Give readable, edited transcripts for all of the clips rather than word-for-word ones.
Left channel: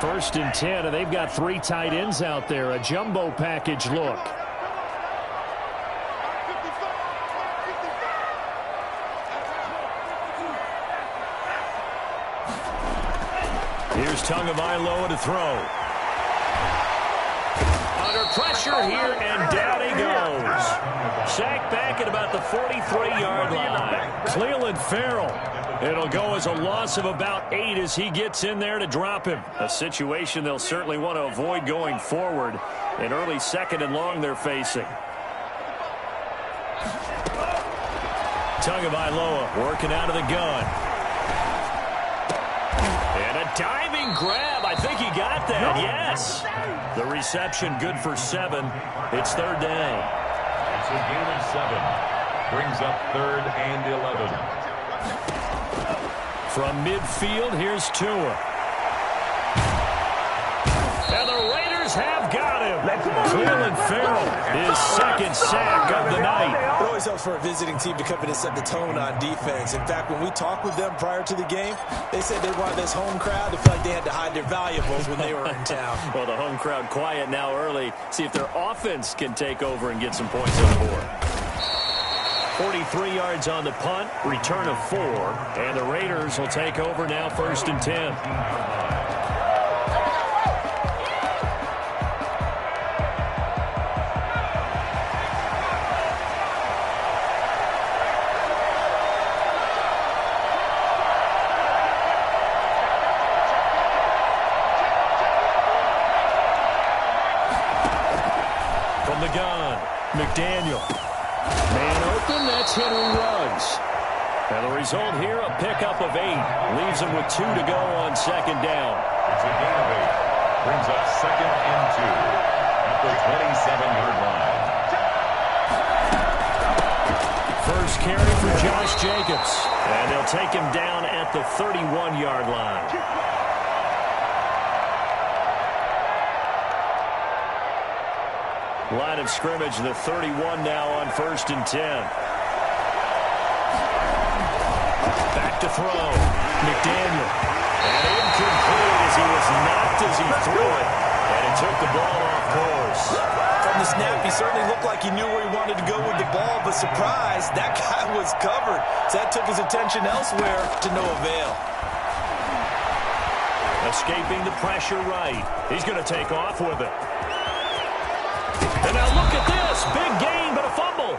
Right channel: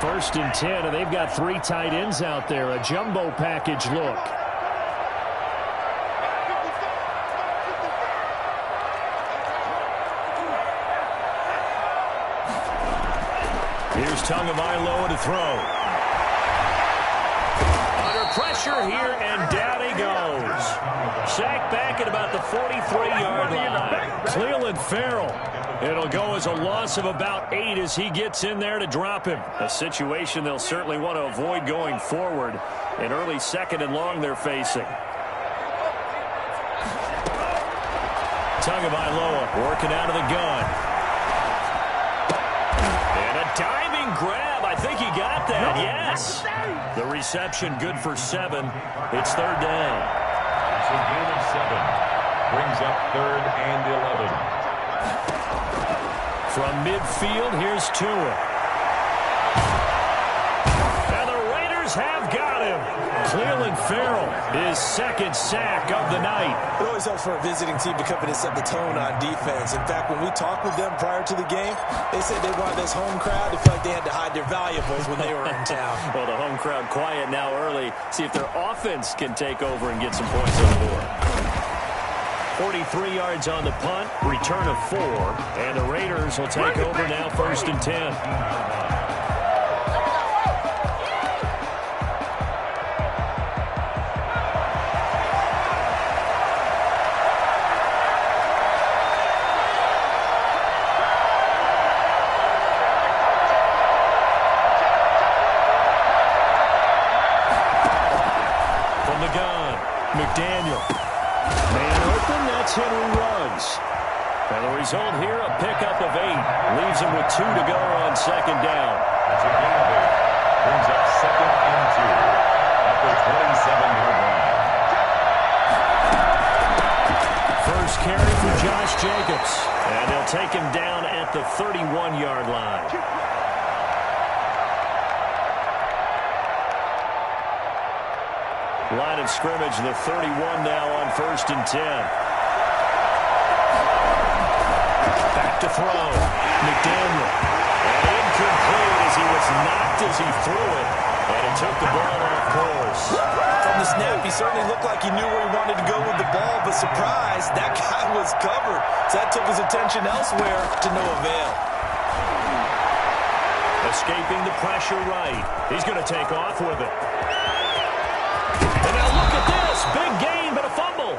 First and 10, and they've got 3 tight ends out there. A jumbo package look. Here's Tagovailoa to throw. Under pressure here, and down he goes. Sacked back at about the 43-yard line. Clelin Ferrell. It'll go as a loss of about 8 as he gets in there to drop him. A situation they'll certainly want to avoid going forward. An early 2nd and long they're facing. Tagovailoa working out of the gun. And a diving grab. I think he got that. Yes. The reception good for 7. It's 3rd down. It's a gain of 7. Brings up 3rd and 11. From midfield, here's Tua. And the Raiders have got him. Clelin Ferrell, his 2nd sack of the night. It always helps for a visiting team to come in and set the tone on defense. In fact, when we talked with them prior to the game, they said they wanted this home crowd to feel like they had to hide their valuables when they were in town. Well, the home crowd quiet now early. See if their offense can take over and get some points on the board. 43 yards on the punt, return of 4, and the Raiders will take over now 1st and 10. From the gun, McDaniel. Man open, that's Henry Ruggs. And the result here, a pickup of 8. Leaves him with 2 to go on 2nd down. It's a gain of 8. Brings up 2nd and 2 at the 27-yard line. First carry for Josh Jacobs. And they'll take him down at the 31-yard line. Line of scrimmage, the 31 now on 1st and 10. Back to throw. McDaniel. And incomplete as he was knocked as he threw it. And it took the ball off course. From the snap, he certainly looked like he knew where he wanted to go with the ball, but surprise, that guy was covered. So that took his attention elsewhere to no avail. Escaping the pressure right. He's going to take off with it. And now look at this. Big gain, but a fumble.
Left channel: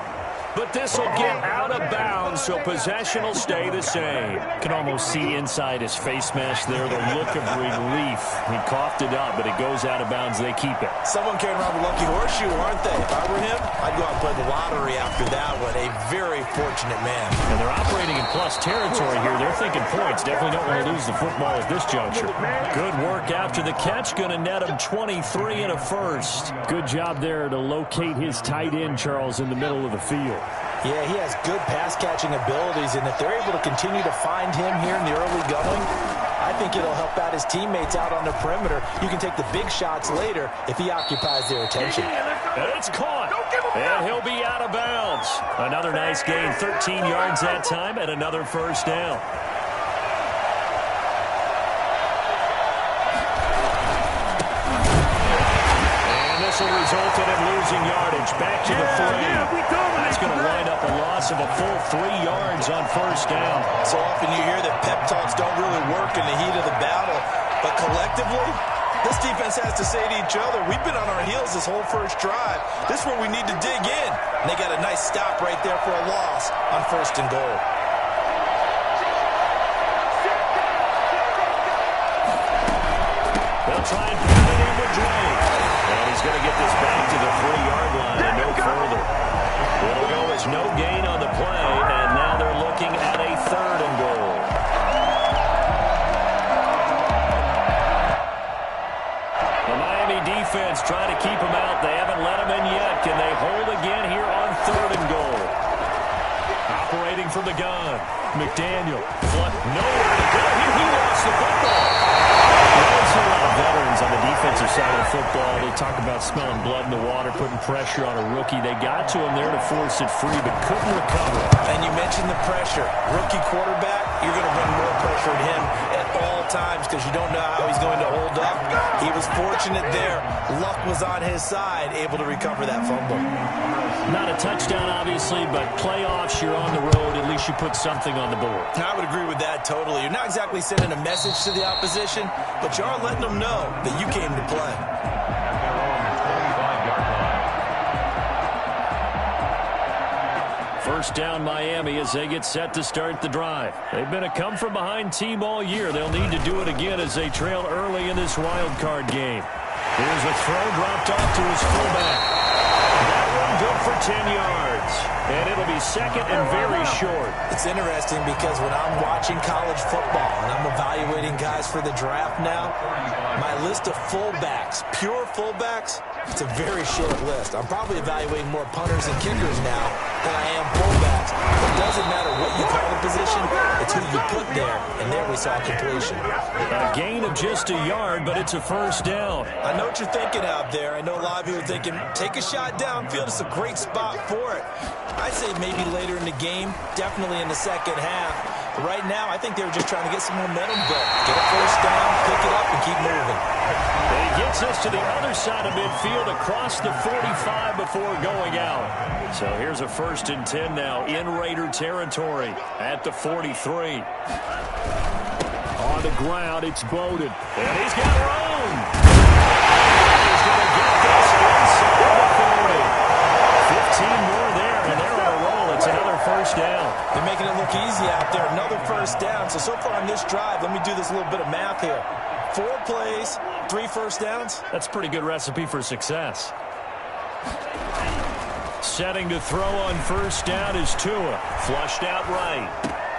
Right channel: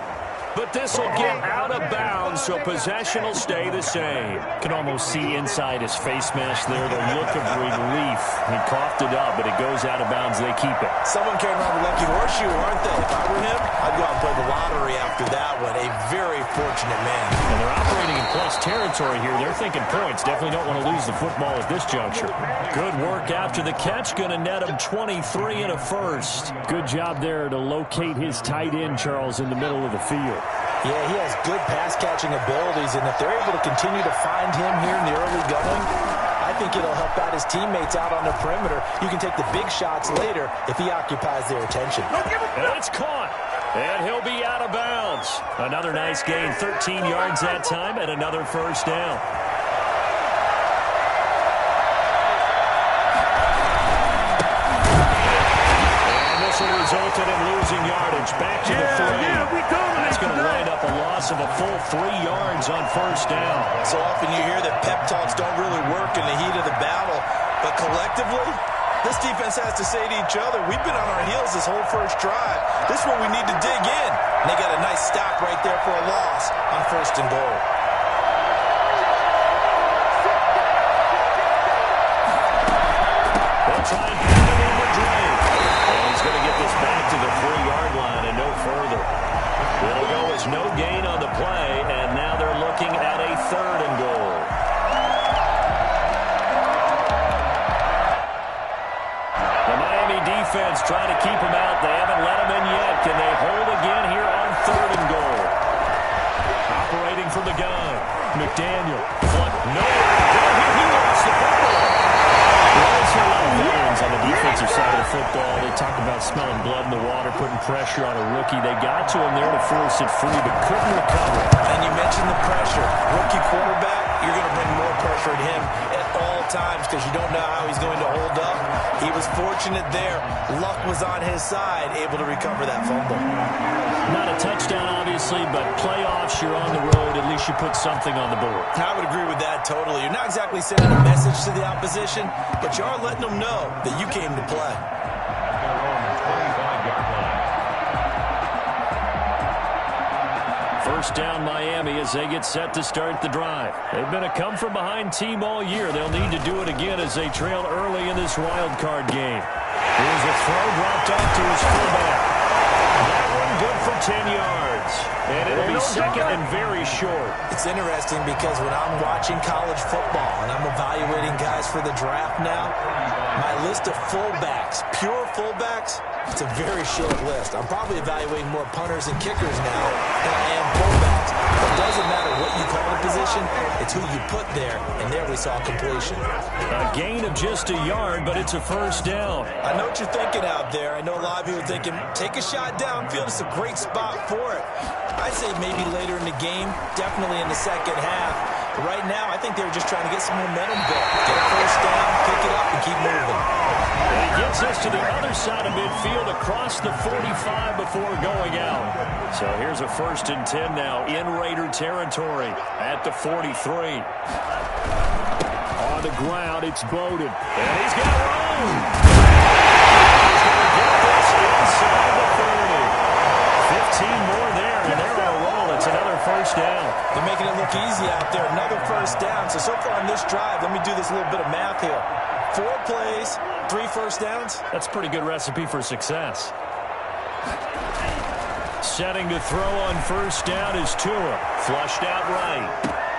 But this will get out of bounds, so possession will stay the same. Can almost see inside his face mask there the look of relief. He coughed it up, but it goes out of bounds. They keep it. Someone carrying around the lucky horseshoe, aren't they? If I were him, I'd go out and play the lottery after that one. A very fortunate man. And they're operating in plus territory here. They're thinking points. Definitely don't want to lose the football at this juncture. Good work after the catch. Going to net him 23 and a first. Good job there to locate his tight end, Charles, in the middle of the field. Yeah, he has good pass-catching abilities, and if they're able to continue to find him here in the early going, I think it'll help out his teammates out on the perimeter. You can take the big shots later if he occupies their attention. And it's caught, and he'll be out of bounds. Another nice gain, 13 yards that time, and another first down. This will result in him losing yardage. Back to the 3. That's going to wind up a loss of a full 3 yards on first down. So often you hear that pep talks don't really work in the heat of the battle. But collectively, this defense has to say to each other, we've been on our heels this whole first drive. This is where we need to dig in. And they got a nice stop right there for a loss on 1st and goal. They'll try and pound it in with Drake. And he's going to get this back to the 3-yard line and no further. It'll go as no gain on the play, and now they're looking at a 3rd and goal. The Miami defense trying to keep him out. They haven't let him in yet. Can they hold again here on 3rd and goal? Operating from the gun. McDaniel. Nowhere to go here. He lost the football. We always see a lot of veterans on the defensive side of the football. They talk about smelling blood in the water, putting pressure on a rookie. They got to him there to force it free, but couldn't recover. And you mentioned the pressure. Rookie quarterback, you're going to bring more pressure at him at all times because you don't know how he's going to hold up. He was fortunate there. Luck was on his side, able to recover that fumble. Not a touchdown, obviously, but playoffs, you're on the road. At least you put something on the board. I would agree with that totally. You're not exactly sending a message to the opposition, but you are letting them know that you came to play. At their own 25-yard line. First down, Miami, as they get set to start the drive. They've been a come-from-behind team all year. They'll need to do it again as they trail early in this wild card game. Here's a throw dropped off to his fullback. That one good for 10 yards. And it'll be second and very short. It's interesting because when I'm watching college football and I'm evaluating guys for the draft now, my list of fullbacks, pure fullbacks, it's a very short list. I'm probably evaluating more punters and kickers now than I am fullbacks. But it doesn't matter what you call the position, it's who you put there. And there we saw completion. A gain of just a yard, but it's a first down. I know what you're thinking out there. I know a lot of you are thinking, take a shot downfield. It's a great spot for it. I'd say maybe later in the game, definitely in the second half. But right now, I think they were just trying to get some momentum going. Get a first down, pick it up, and keep moving. And he gets us to the other side of midfield across the 45 before going out. So here's a 1st and 10 now in Raider territory at the 43. On the ground, it's Bowden. And he's got room. He's going to get this inside the 30. 15 more there, and they're on a roll. It's another first down. They're making it look easy out there. Another first down. So far on this drive, let me do this little bit of math here. 4 plays, 3 first downs. That's a pretty good recipe for success. Setting to throw on first down is Tua. Flushed out right.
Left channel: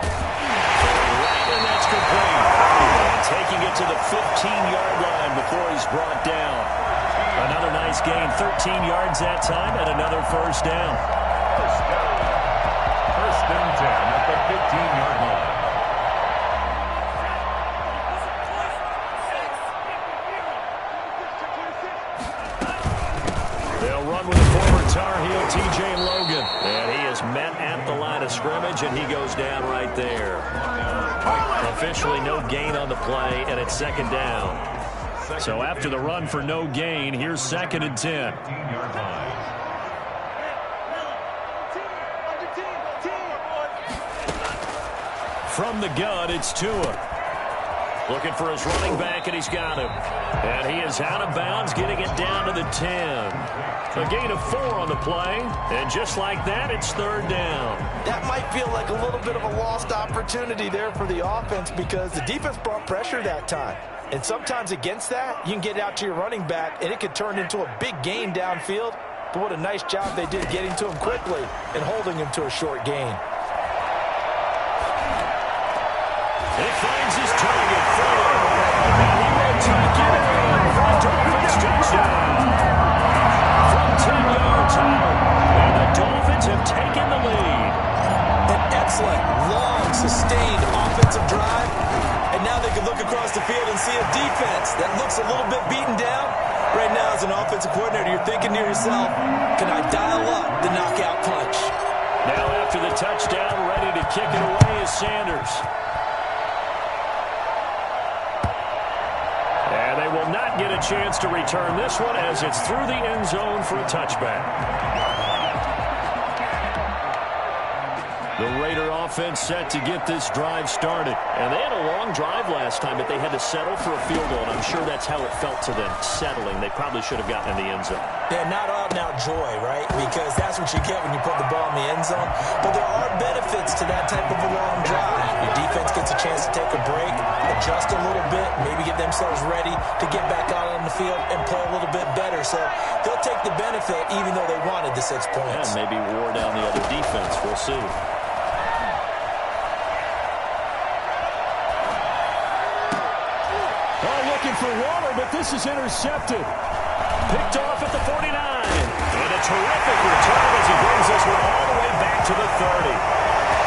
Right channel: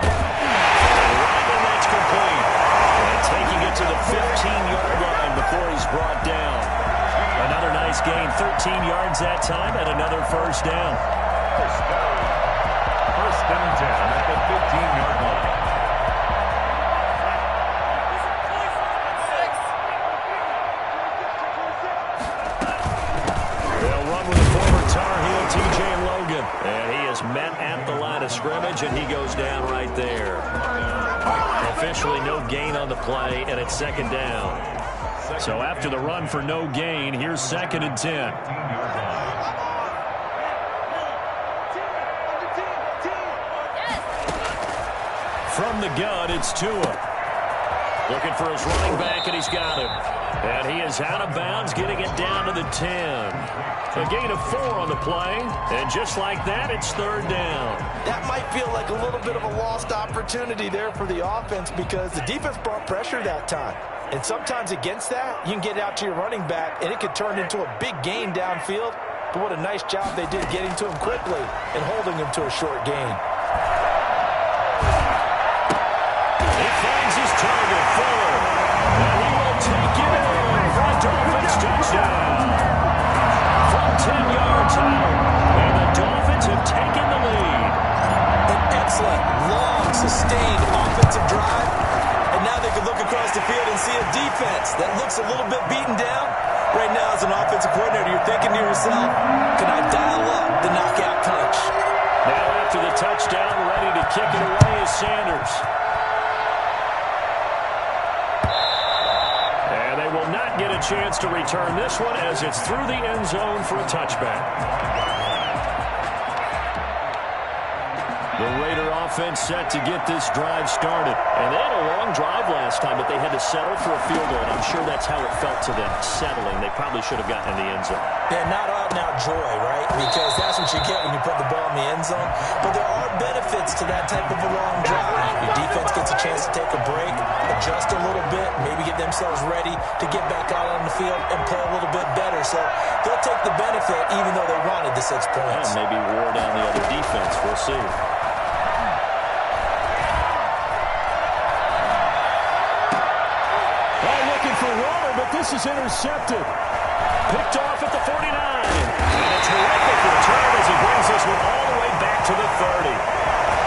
Right, and that's complete. And taking it to the 15-yard line before he's brought down. Another nice gain, 13 yards that time, and another first down. First down. 1st and 10 at the 15-yard line. They'll run with the former Tar Heel T.J. Logan. And he is met at the line of scrimmage, and he goes down right there. Officially no gain on the play, and it's second down. So after the run for no gain, here's 2nd and 10. 15-yard line. From the gun, it's Tua. Looking for his running back, and he's got him. And he is out of bounds, getting it down to the 10. A gain of 4 on the play, and just like that, it's 3rd down. That might feel like a little bit of a lost opportunity there for the offense because the defense brought pressure that time. And sometimes against that, you can get out to your running back, and it could turn into a big gain downfield. But what a nice job they did getting to him quickly and holding him to a short gain. He finds his target, Fuller. And he will take it in for a Dolphins touchdown. From 10 yards out. And the Dolphins have taken the lead. An excellent, long, sustained offensive drive. And now they can look across the field and see a defense that looks a little bit beaten down. Right now, as an offensive coordinator, you're thinking to yourself, can I dial up the knockout punch? Now after the touchdown, ready to kick it away is Sanders. And they will not get a chance to return this one as it's through the end zone for a touchback. The Raider offense set to get this drive started. And they had a long drive last time, but they had to settle for a field goal, and I'm sure that's how it felt to them, settling. They probably should have gotten in the end zone. Yeah, not out-and-out joy, right? Because that's what you get when you put the ball in the end zone. But there are benefits to that type of a long drive. Your defense gets a chance to take a break, adjust a little bit, maybe get themselves ready to get back out on the field and play a little bit better. So they'll take the benefit even though they wanted the 6 points. And maybe wore down the other defense. We'll see. Looking for Waller, but this is intercepted. Picked off at the 49. And a terrific return as he brings this one all the way back to the 30.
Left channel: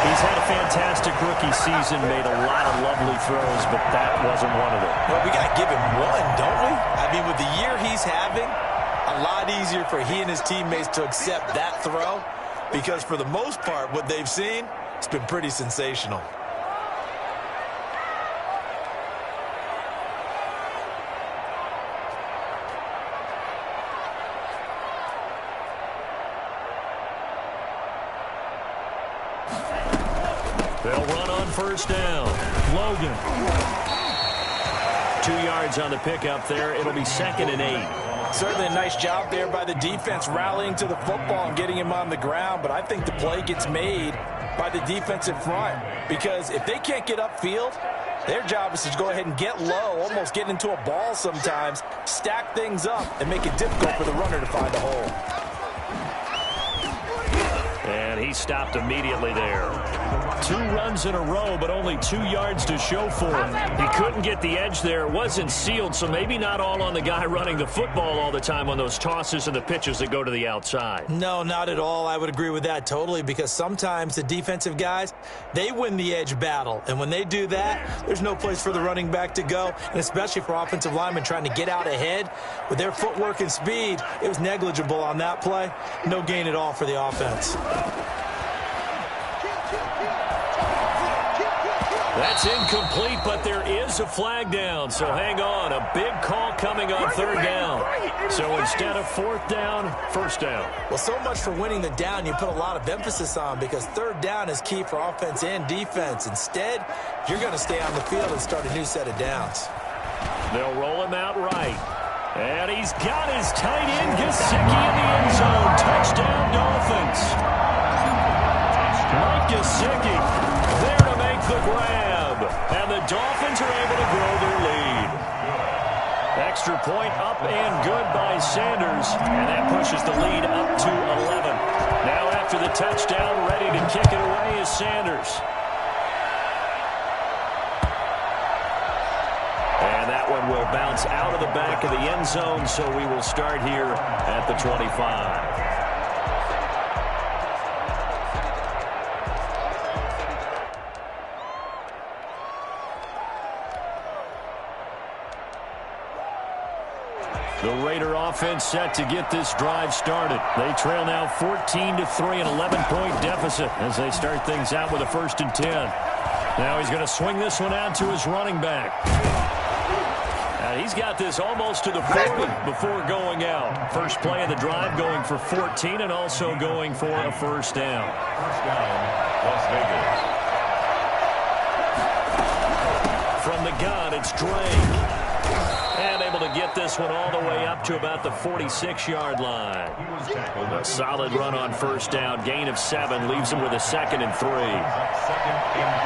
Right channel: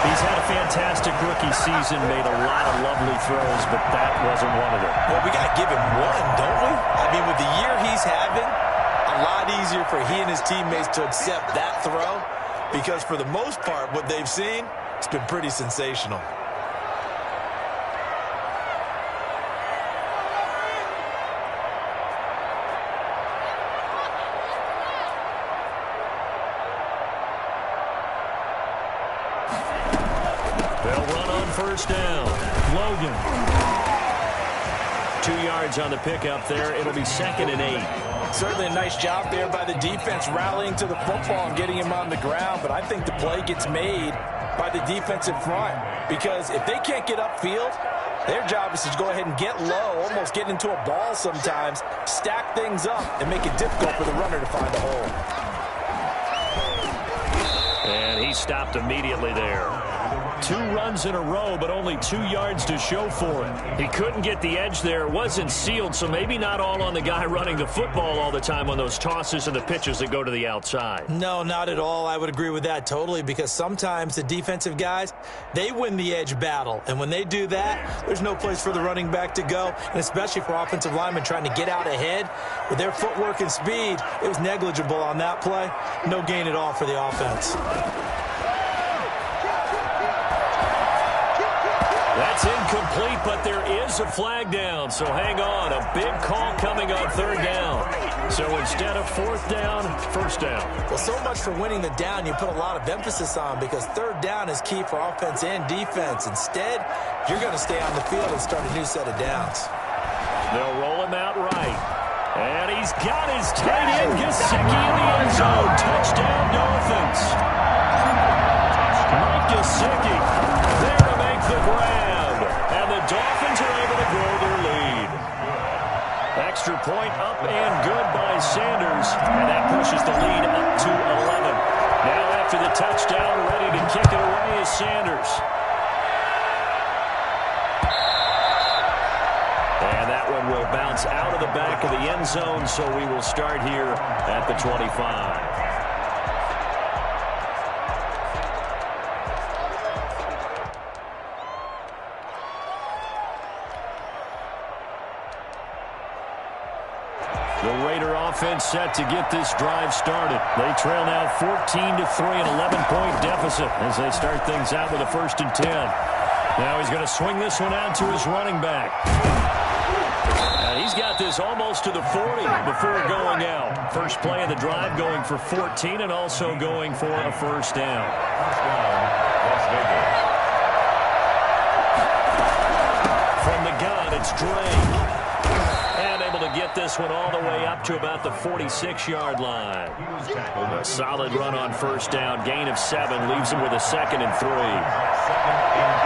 He's had a fantastic rookie season, made a lot of lovely throws, but that wasn't one of them. Well, we got to give him one, don't we? I mean, with the year he's having, a lot easier for he and his teammates to accept that throw because for the most part, what they've seen, it's been pretty sensational. They'll run on first down. Logan. 2 yards on the pickup there. It'll be 2nd and 8. Certainly a nice job there by the defense rallying to the football and getting him on the ground, but I think the play gets made by the defensive front because if they can't get upfield, their job is to go ahead and get low, almost get into a ball sometimes, stack things up, and make it difficult for the runner to find a hole. And he stopped immediately there. 2 runs in a row, but only 2 yards to show for it. He couldn't get the edge there. It wasn't sealed, so maybe not all on the guy running the football all the time on those tosses and the pitches that go to the outside. No, not at all. I would agree with that totally because sometimes the defensive guys, they win the edge battle. And when they do that, there's no place for the running back to go, and especially for offensive linemen trying to get out ahead. With their footwork and speed, it was negligible on that play. No gain at all for the offense. That's incomplete, but there is a flag down, so hang on. A big call coming on 3rd down. So instead of 4th down, 1st down. Well, so much for winning the down you put a lot of emphasis on because 3rd down is key for offense and defense. Instead, you're going to stay on the field and start a new set of downs. They'll roll him out right. And he's got his tight end, Gesicki, in the end zone. Touchdown, Dolphins. Mike Gesicki there to make the grab. And the Dolphins are able to grow their lead. Extra point up and good by Sanders. And that pushes the lead up to 11. Now after the touchdown, ready to kick it away is Sanders. And that one will bounce out of the back of the end zone, so we will start here at the 25. The Raider offense set to get this drive started. They trail now 14-3, an 11-point deficit as they start things out with a 1st and 10. Now he's going to swing this one out to his running back. And he's got this almost to the 40 before going out. First play of the drive going for 14 and also going for a 1st down. First down, Las Vegas. From the gun, it's Drake. And able to get this one all the way up to about the 46-yard line. A solid run on 1st down. Gain of 7 leaves him with a 2nd and 3. 2nd and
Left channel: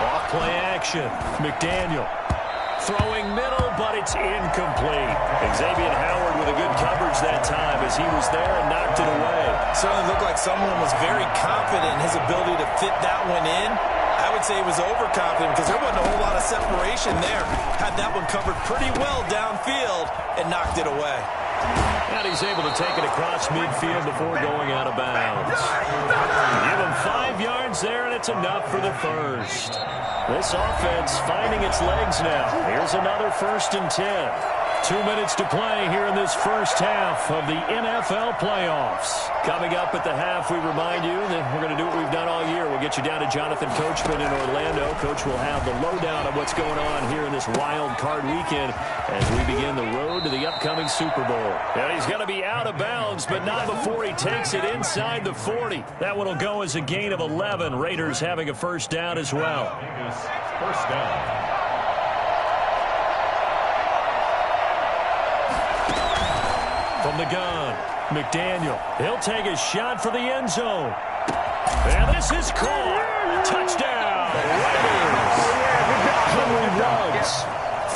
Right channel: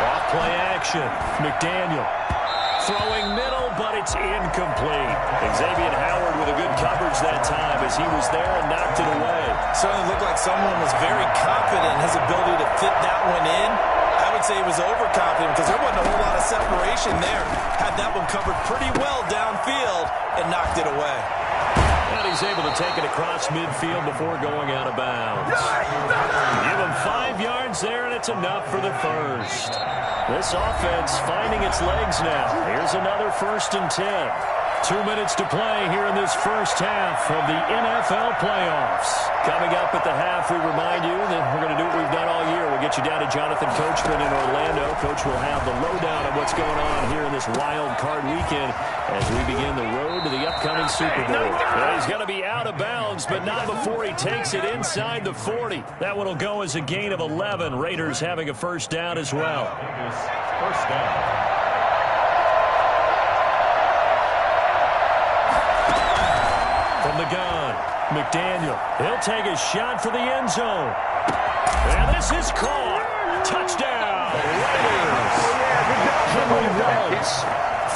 3. Off play action. McDaniel throwing middle, but it's incomplete. Xavier Howard with a good coverage that time as he was there and knocked it away. Certainly looked like someone was very confident in his ability to fit that one in. I would say he was overconfident because there wasn't a whole lot of separation there. Had that one covered pretty well downfield and knocked it away. And he's able to take it across midfield before going out of bounds. Give him 5 yards there, and it's enough for the 1st. This offense finding its legs now. Here's another 1st and 10. 2 minutes to play here in this first half of the NFL playoffs. Coming up at the half, we remind you that we're going to do what we've done all year. We'll get you down to Jonathan Coachman in Orlando. Coach will have the lowdown of what's going on here in this wild card weekend as we begin the road to the upcoming Super Bowl. Well, he's going to be out of bounds, but not before he takes it inside the 40. That one will go as a gain of 11. Raiders having a 1st down as well. First down. From the gun, McDaniel. He'll take a shot for the end zone. And this is caught. Touchdown, Raiders. Henry runs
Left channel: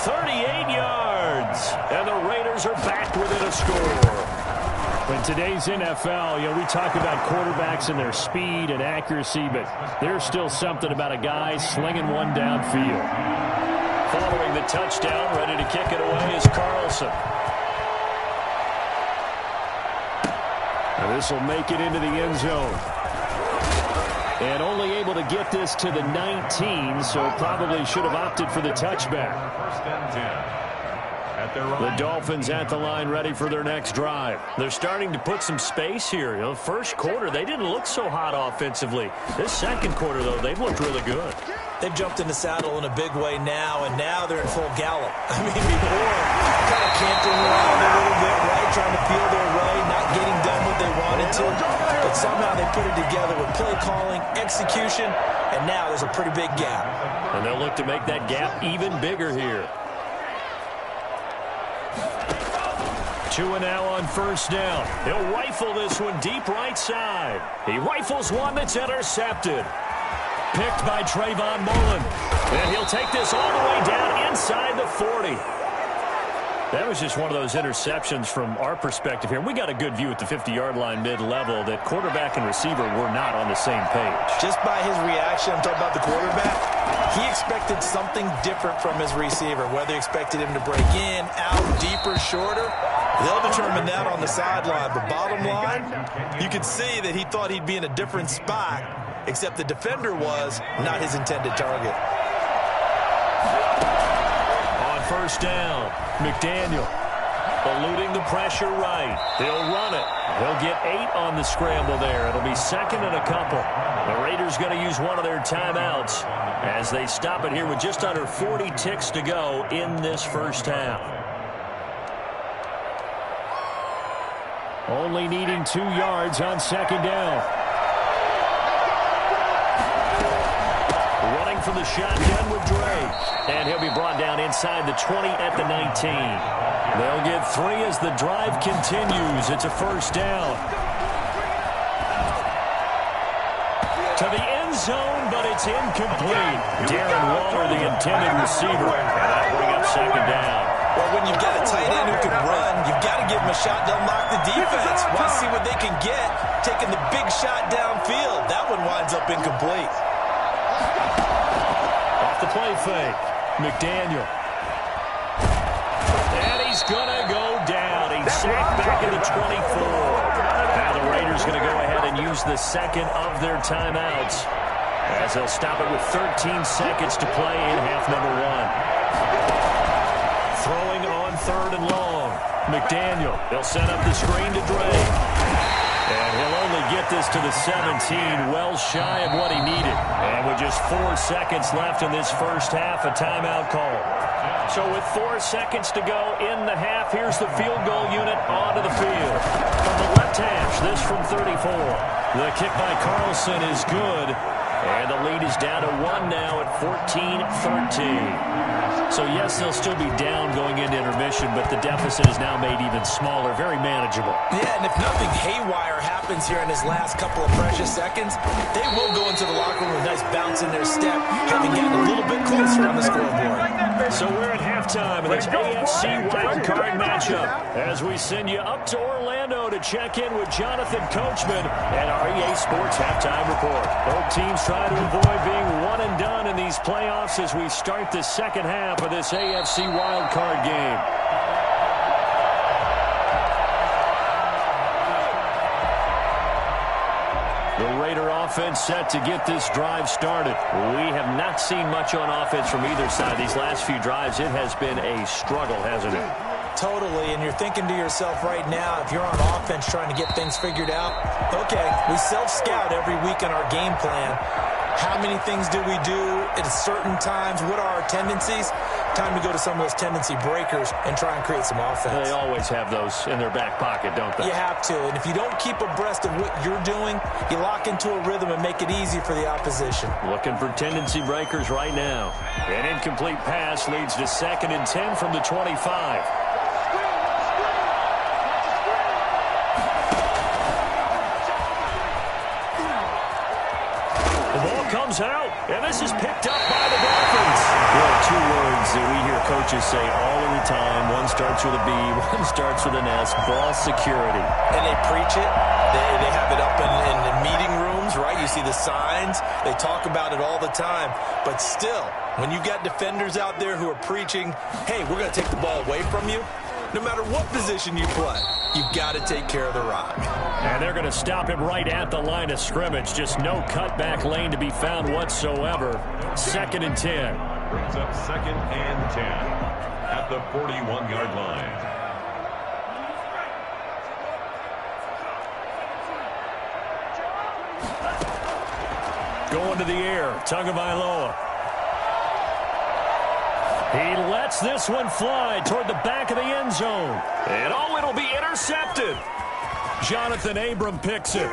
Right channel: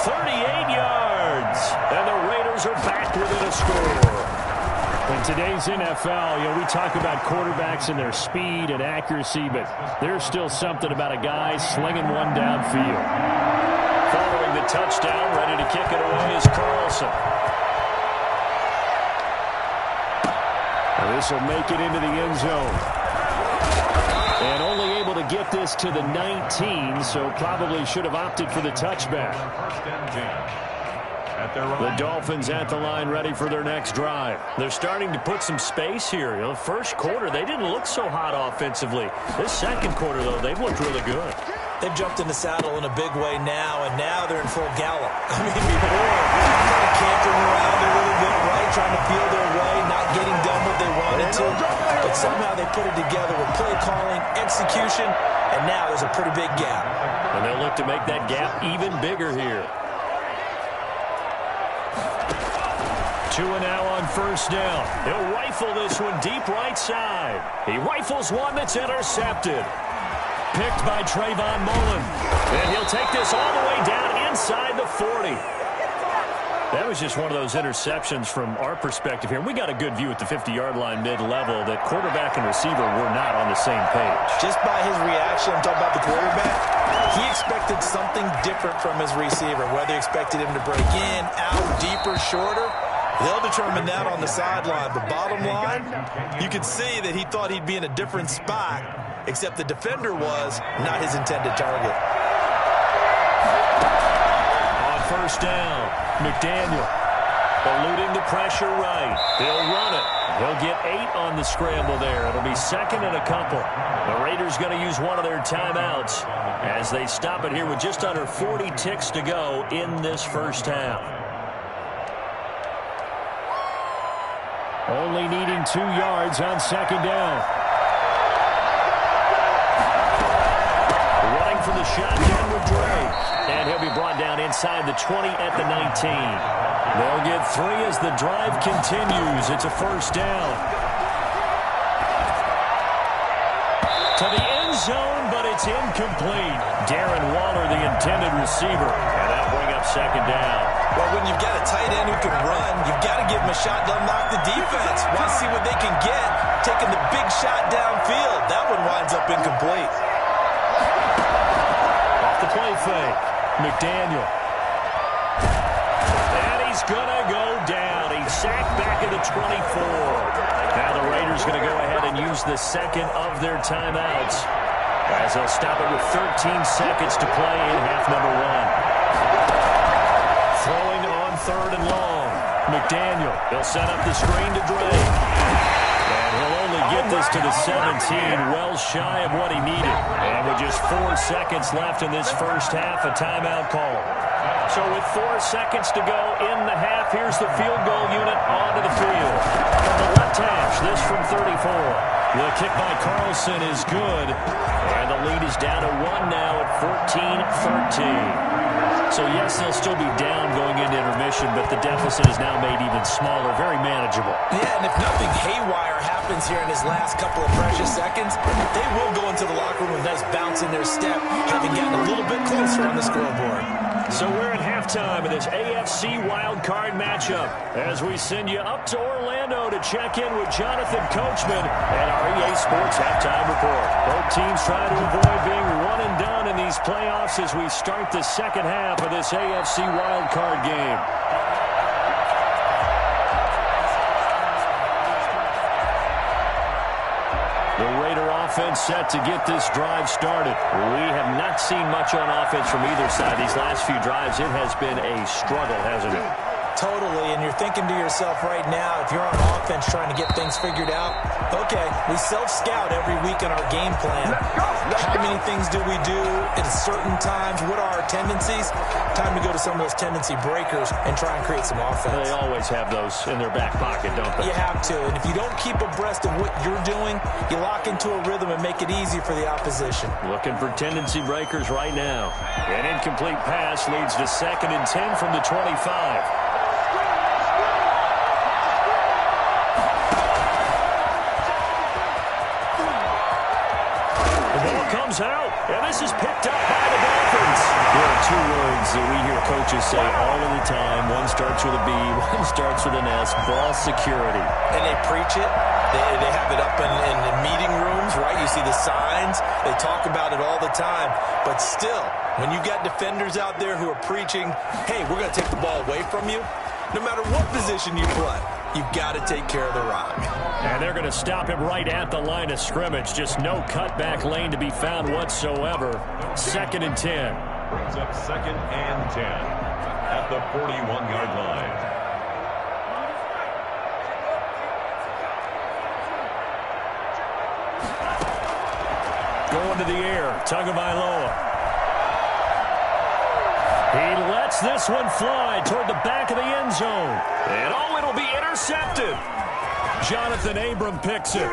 38 yards. And the Raiders are back within a score. In today's NFL, we talk about quarterbacks and their speed and accuracy, but there's still something about a guy slinging one downfield. Following the touchdown, ready to kick it away is Carlson. This will make it into the end zone. And only able to get this to the 19, so probably should have opted for the touchback. 1st and 10. The Dolphins at the line ready for their next drive. They're starting to put some space here. The first quarter, they didn't look so hot offensively. This second quarter, though, they've looked really good. They've jumped in the saddle in a big way now, and now they're in full gallop. I mean, before, kind of cantering around a little bit, right, trying to feel their way, not getting done what they wanted to, but somehow they put it together with play calling, execution, and now there's a pretty big gap. And they'll look to make that gap even bigger here. 2 now on first down. He'll rifle this one deep right side. He rifles one that's intercepted. Picked by Trayvon Mullen. And he'll take this all the way down inside the 40. That was just one of those interceptions from our perspective here. We got a good view at the 50-yard line mid-level that quarterback and receiver were not on the same page. Just by his reaction, I'm talking about the quarterback, he expected something different from his receiver, whether he expected him to break in, out, deeper, shorter. They'll determine that on the sideline. But bottom line, you could see that he thought he'd be in a different spot, except the defender was not his intended target. On first down, McDaniel eluding the pressure right. He'll run it. He'll get 8 on the scramble there. It'll be second and a couple. The Raiders going to use one of their timeouts as they stop it here with just under 40 ticks to go in this first half. Only needing 2 yards on second down. Running from the shotgun with Dre. And he'll be brought down inside the 20 at the 19. They'll get 3 as the drive continues. It's a first down. To the end zone, but it's incomplete. Darren Waller, the intended receiver. And that'll bring up second down. Well, when you've got a tight end who can run, you've got to give him a shot to unlock the defense. Want to see what they can get, taking the big shot downfield. That one winds up incomplete. Off the play fake, McDaniel. And he's going to go down. He's sacked back at the 24. Now the Raiders going to go ahead and use the second of their timeouts as they'll stop it with 13 seconds to play in half number 1. Throwing on third and long. McDaniel, he'll set up the screen to Dre. And he'll only get this to the 17, well shy of what he needed. And with just 4 seconds left in this first half, a timeout call. So with 4 seconds to go in the half, here's the field goal unit onto the field. From the left hash, this from 34. The kick by Carlson is good. And the lead is down to 1 now at 14-13. So, yes, they'll still be down going into intermission, but the deficit is now made even smaller, very manageable. Yeah, and if nothing haywire happens here in his last couple of precious seconds, they will go into the locker room with a nice bounce in their step, having gotten a little bit closer on the scoreboard. So we're at halftime of this AFC wildcard matchup as we send you up to Orlando to check in with Jonathan Coachman and our EA Sports Halftime Report. Both teams try to avoid being one and done in these playoffs as we start the second half of this AFC wildcard game. The Raider offense set to get this drive started. We have not seen much on offense from either side. These last few drives, it has been a struggle, hasn't it? Totally, and you're thinking to yourself right now, if you're on offense trying to get things figured out, okay, we self-scout every week in our game plan. How many things do we do at certain times? What are our tendencies? Time to go to some of those tendency breakers and try and create some offense. They always have those in their back pocket, don't they? You have to, and if you don't keep abreast of what you're doing, you lock into a rhythm and make it easy for the opposition. Looking for tendency breakers right now. An incomplete pass leads to 2nd and 10 from the 25. Comes out, and this is picked up by the Dolphins. There are 2 words that we hear coaches say all of the time. One starts with a B, one starts with an S, ball security. And they preach it. They have it up in meeting rooms, right? You see the signs. They talk about it all the time. But still, when you've got defenders out there who are preaching, hey, we're going to take the ball away from you, no matter what position you play, you've got to take care of the rock. And they're going to stop him right at the line of scrimmage. Just no cutback lane to be found whatsoever. 2nd and 10. Brings up 2nd and 10 at the 41-yard line. Going to the air, Tagovailoa. He lets this one fly toward the back of the end zone. And it'll be intercepted. Jonathan Abram picks it.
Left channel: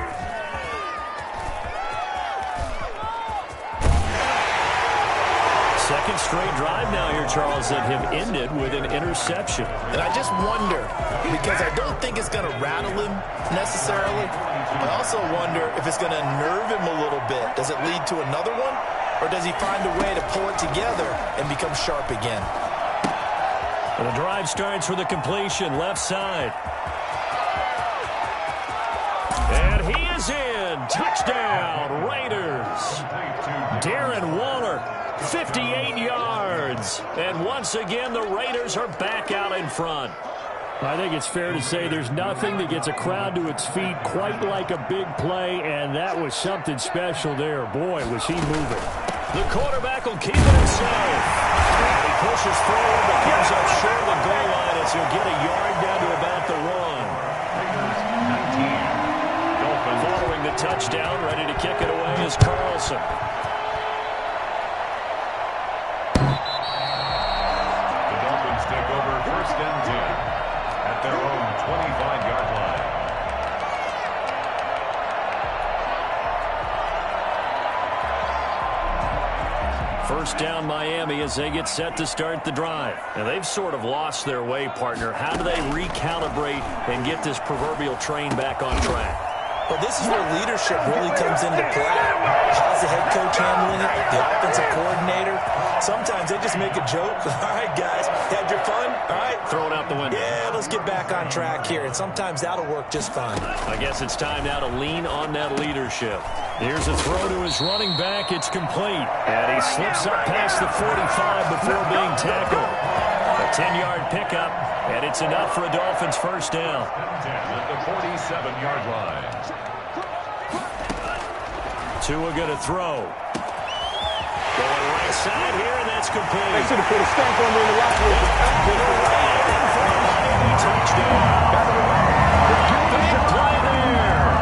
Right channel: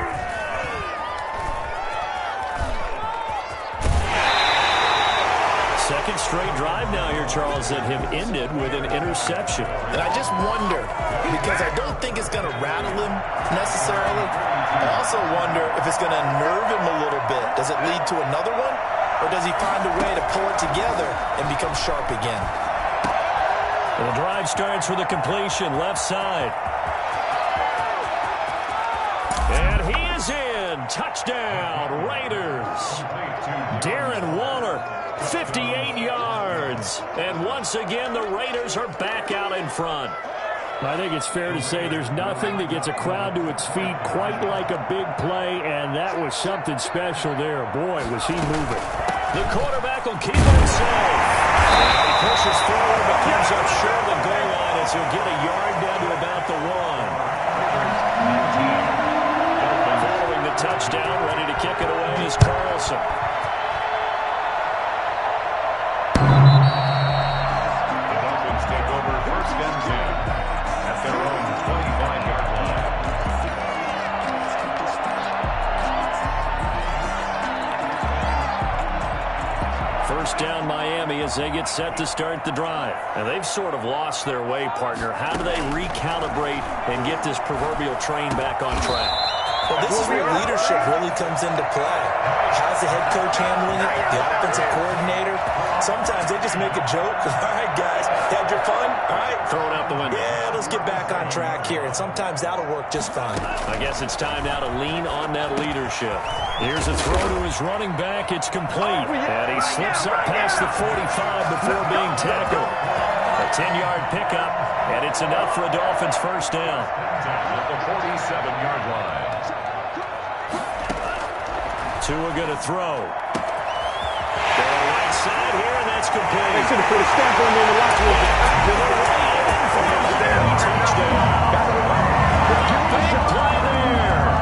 Second straight drive now here, Charles, that have ended with an interception. And I just wonder, because I don't think it's going to rattle him necessarily. I also wonder if it's going to nerve him a little bit. Does it lead to another one? Or does he find a way to pull it together and become sharp again? And the drive starts with a completion, left side. And he is in. Touchdown, Raiders. Darren Waller, 58 yards. And once again, the Raiders are back out in front. I think it's fair to say there's nothing that gets a crowd to its feet quite like a big play, and that was something special there. Boy, was he moving. The quarterback will keep it himself. And he pushes forward but comes up short of the goal line as he'll get a yard down to about the 1. Raiders 19. Dolphins. Following the touchdown, ready to kick it away is Carlson. The Dolphins take over first and 10 at their own 25-yard line. First down Miami as they get set to start the drive. And they've sort of lost their way, partner. How do they recalibrate and get this proverbial train back on track? Well, this is where leadership really comes into play. How's the head coach handling it? The offensive coordinator? Sometimes they just make a joke. All right, guys, had your fun? All right. Throw it out the window. Yeah, let's get back on track here. And sometimes that'll work just fine. I guess it's time now to lean on that leadership. Here's a throw to his running back. It's complete. And he slips up past the 45 before being tackled. A 10-yard pickup, and it's enough for a Dolphins first down. 10 at the 47-yard line. Tua going to throw. Going right side here, and that's complete. They should have put a stamp on me in the locker room. And for a Miami touchdown. Big play there.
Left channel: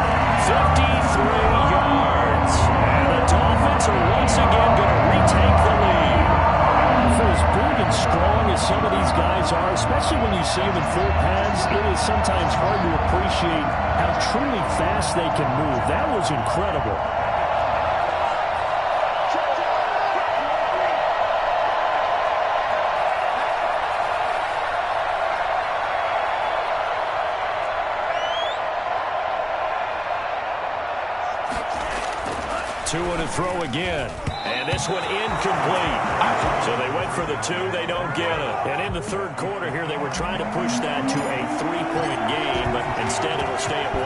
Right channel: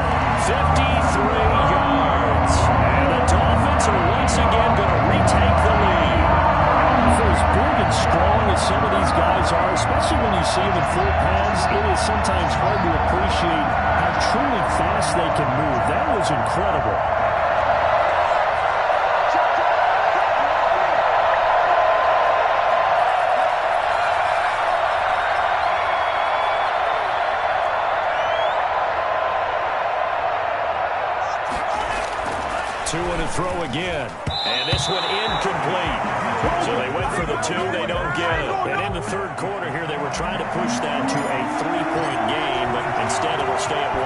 53 yards. And the Dolphins are once again going to retake the lead. For as big and strong as some of these guys are, especially when you see them in full pads, it is sometimes hard to appreciate how truly fast they can move. That was incredible. Tua to throw again. And this one incomplete. So they went for the 2. They don't get it. And in the third quarter here, they were trying to push that to a 3-point game, but instead it'll stay at 1.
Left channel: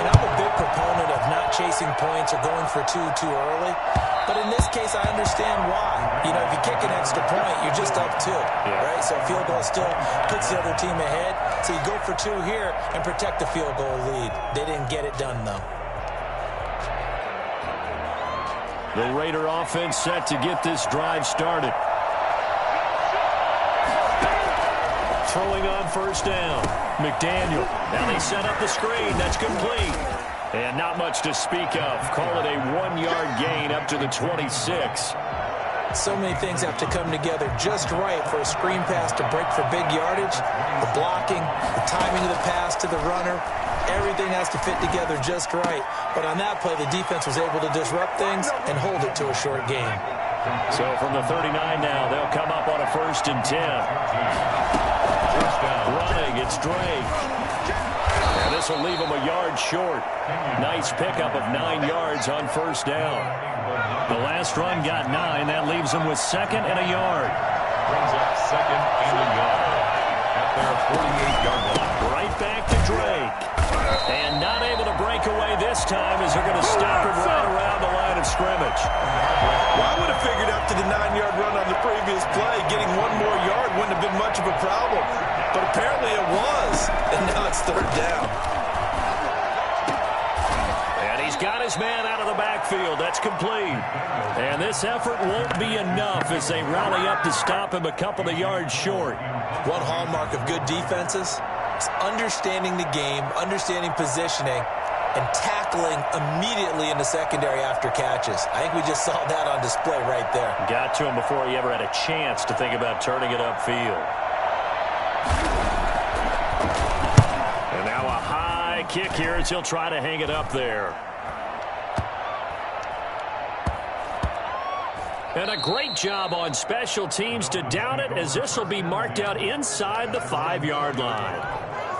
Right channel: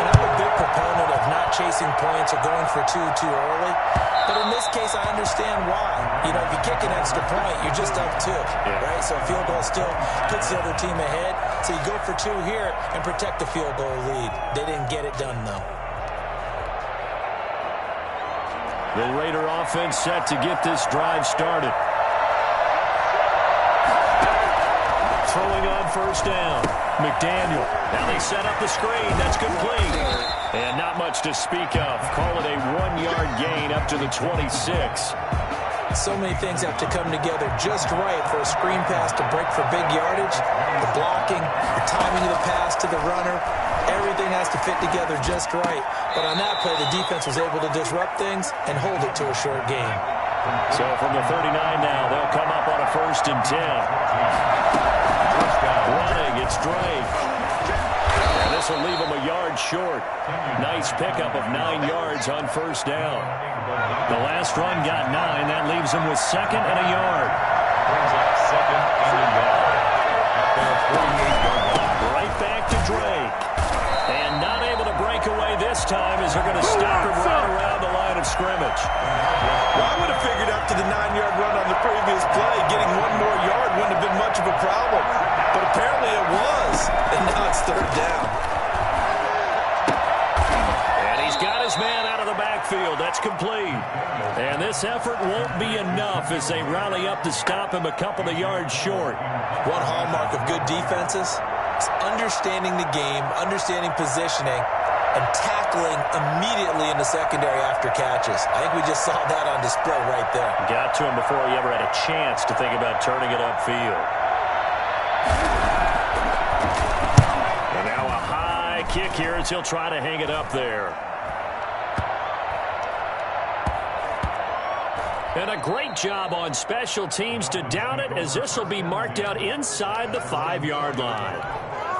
And I'm a big proponent of not chasing points or going for 2 too early. But in this case, I understand why. You know, if you kick an extra point, you're just up 2, right? So a field goal still puts the other team ahead. So you go for 2 here and protect the field goal lead. They didn't get it done, though. The Raider offense set to get this drive started. Throwing on first down. McDaniel. Now they set up the screen. That's complete. And not much to speak of. Call it a 1-yard gain up to the 26. So many things have to come together just right for a screen pass to break for big yardage. The blocking, the timing of the pass to the runner. Everything has to fit together just right. But on that play, the defense was able to disrupt things and hold it to a short game. So from the 39 now, they'll come up on a 1st and 10. First down. Running, it's Drake. And this will leave him a yard short. Nice pickup of 9 yards on first down. The last run got 9. That leaves him with 2nd and a yard. Brings up 2nd and a yard at their 48-yard line. Right back to Drake. And not able to break away this time as they're going to stop him right around the line of scrimmage. Well, I would have figured after the 9-yard run on the previous play, getting 1 more yard wouldn't have been much of a problem. But apparently it was. And now it's 3rd down. And he's got his man out of the backfield. That's complete. And this effort won't be enough as they rally up to stop him a couple of yards short. One hallmark of good defenses is understanding the game, understanding positioning, and tackling immediately in the secondary after catches. I think we just saw that on display right there. Got to him before he ever had a chance to think about turning it upfield. And now a high onside kick here as he'll try to hang it up there. And a great job on special teams to down it, as this will be marked out inside the 5-yard line.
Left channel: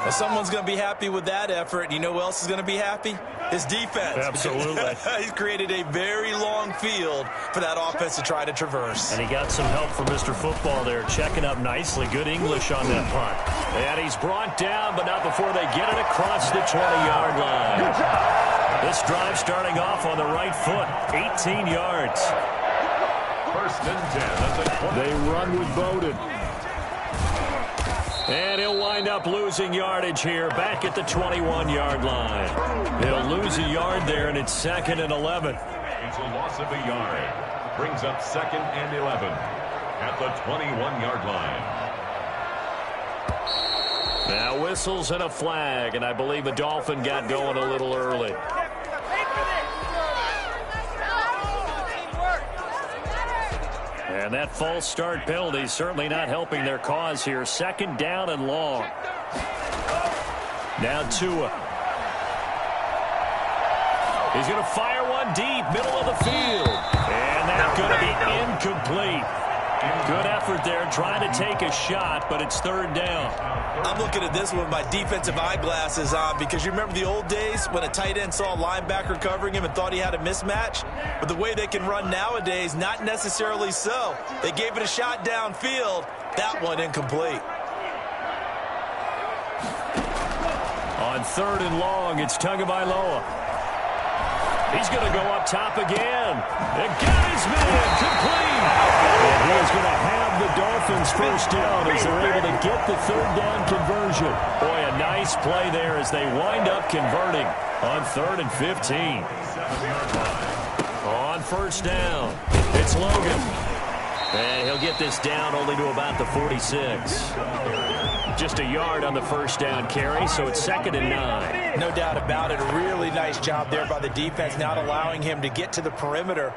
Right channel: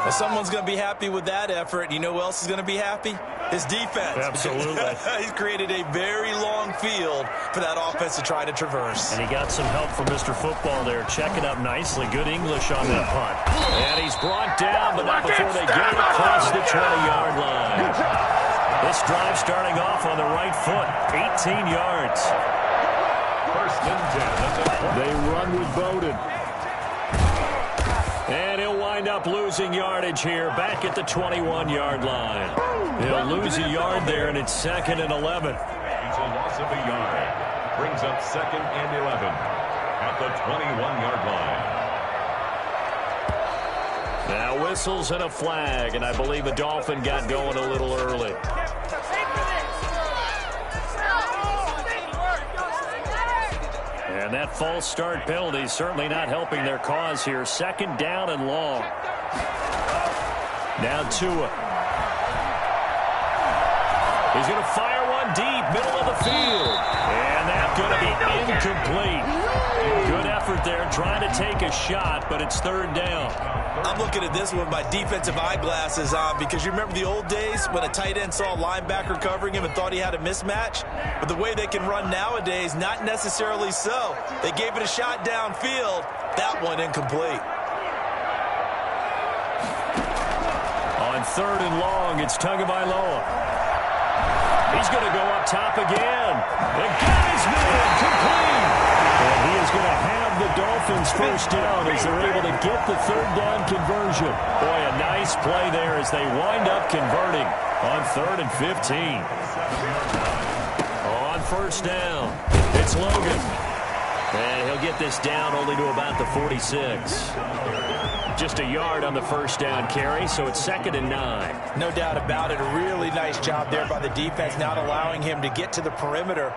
Well, someone's going to be happy with that effort. You know who else is going to be happy? His defense. Absolutely. He's created a very long field for that offense to try to traverse. And he got some help from Mr. Football there, checking up nicely. Good English on that punt. And he's brought down, but not before they get it across the 20-yard line. This drive starting off on the right foot, 18 yards. First and 10 at the 20. They run with Bowden. And he'll wind up losing yardage here back at the 21-yard line. He'll lose a yard there, and it's 2nd and 11. It's a loss of a yard. Brings up 2nd and 11 at the 21-yard line. Now whistles and a flag, and I believe a Dolphin got going a little early. And that false start penalty certainly not helping their cause here. 2nd down and long. Now Tua. He's going to fire one deep, middle of the field. And that's going to be incomplete. Good effort there, trying to take a shot, but it's 3rd down. I'm looking at this with my defensive eyeglasses on, because you remember the old days when a tight end saw a linebacker covering him and thought he had a mismatch? But the way they can run nowadays, not necessarily so. They gave it a shot downfield. That one incomplete. On 3rd and long, it's Tagovailoa. He's going to go up top again. And got his man complete. And he is going to have the Dolphins first down as they're able to get the 3rd down conversion. Boy, a nice play there as they wind up converting on 3rd and 15. On 1st down, it's Logan. And he'll get this down only to about the 46. Just a yard on the 1st down carry, so it's 2nd and 9. No doubt about it. A really nice job there by the defense, not allowing him to get to the perimeter.